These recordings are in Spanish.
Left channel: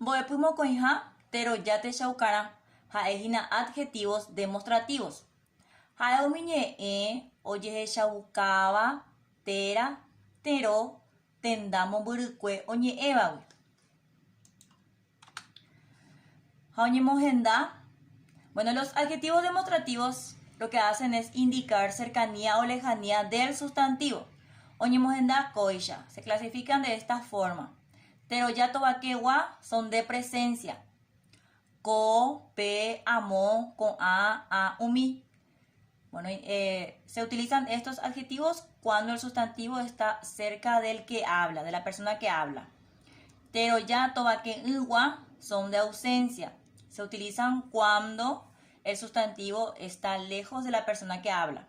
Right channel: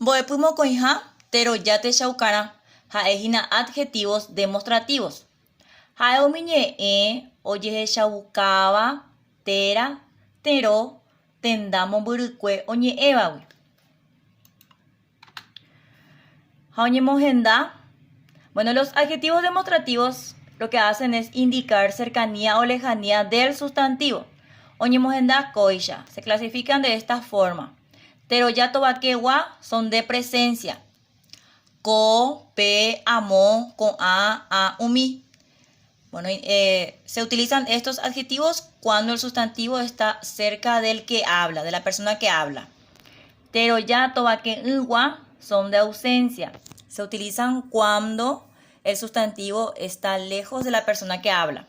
Mbo'epymo ko'ẽha terojáte chaukarã ha'ehína adjetivos demostrativos. Ha'e umi ñe'ẽ ojehechaukáva téra, teró, tenda mombyrykue oñe'ẽvagui. Ha oñemohenda. Bueno, los adjetivos demostrativos lo que hacen es indicar cercanía o lejanía del sustantivo. Oñemohenda koicha. Se clasifican de esta forma. Teroyato baquegua son de presencia. Ko, pe, amo, con a, umi. Bueno, se utilizan estos adjetivos cuando el sustantivo está cerca del que habla, de la persona que habla. Teroyato baquegua son de ausencia. Se utilizan cuando el sustantivo está lejos de la persona que habla.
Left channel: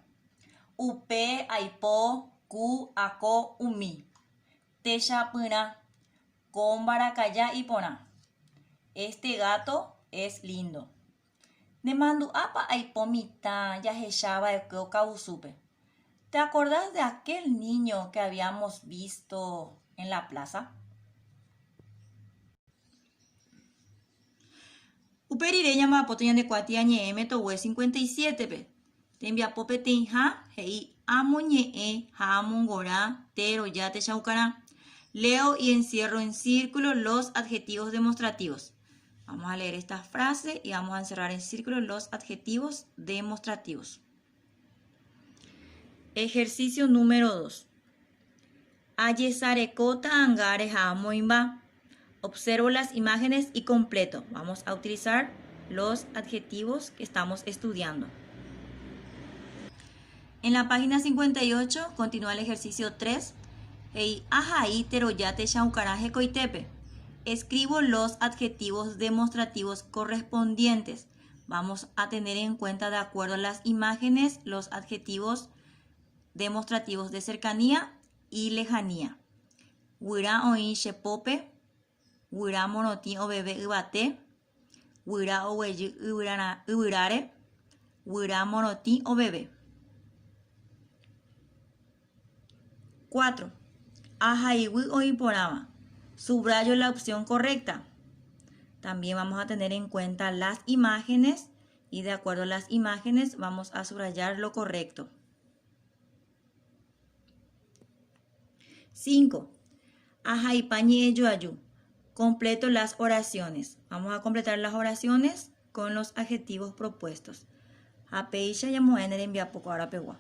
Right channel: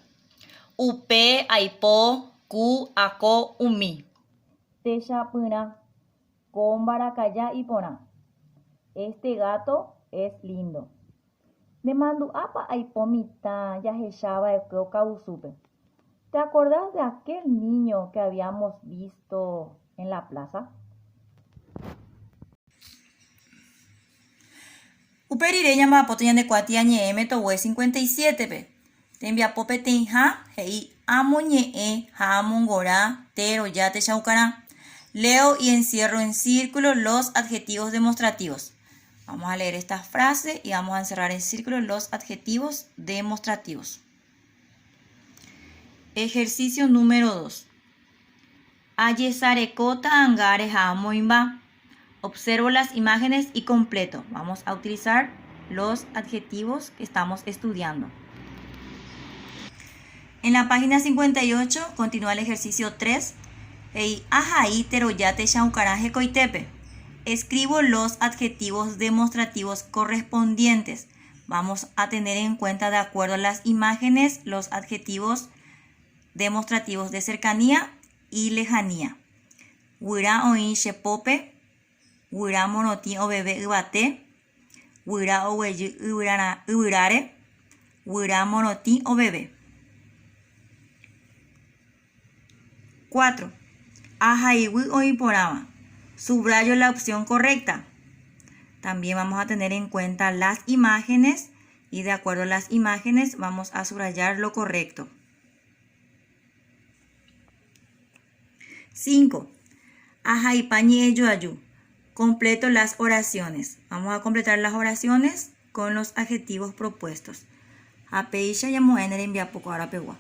Upe, aipo, ku, ako, umi. Techapyna, con baracaya y pona. Este gato es lindo. Nemandu'ápa aipomita yahecháva ekeo kausupe. ¿Te acordás de aquel niño que habíamos visto en la plaza? Uperire ñambapoto ñandekuati añe'ẽme togue 57pe. Tembiapope teĩha he'i amo ñe'ẽ ha amongorã teroja techaukarã. Leo y encierro en círculo los adjetivos demostrativos. Vamos a leer esta frase y vamos a encerrar en círculo los adjetivos demostrativos. Ejercicio número 2. Ayesarekota angare ha amoimba. Observo las imágenes y completo. Vamos a utilizar los adjetivos que estamos estudiando. En la página 58 continúa el ejercicio 3. Escribo los adjetivos demostrativos correspondientes. Vamos a tener en cuenta, de acuerdo a las imágenes, los adjetivos demostrativos de cercanía y lejanía. Wira oin shepope. Wira monoti o bebé yvate. Wira oguejy yvyrare. Wira monoti o bebé. 4. Ahaygui oiporãva. Subrayo la opción correcta. También vamos a tener en cuenta las imágenes y de acuerdo a las imágenes vamos a subrayar lo correcto. 5. Ahaipañi eyoayu. Completo las oraciones. Vamos a completar las oraciones con los adjetivos propuestos. Apeisha yamoenere envía poco ahora pegua.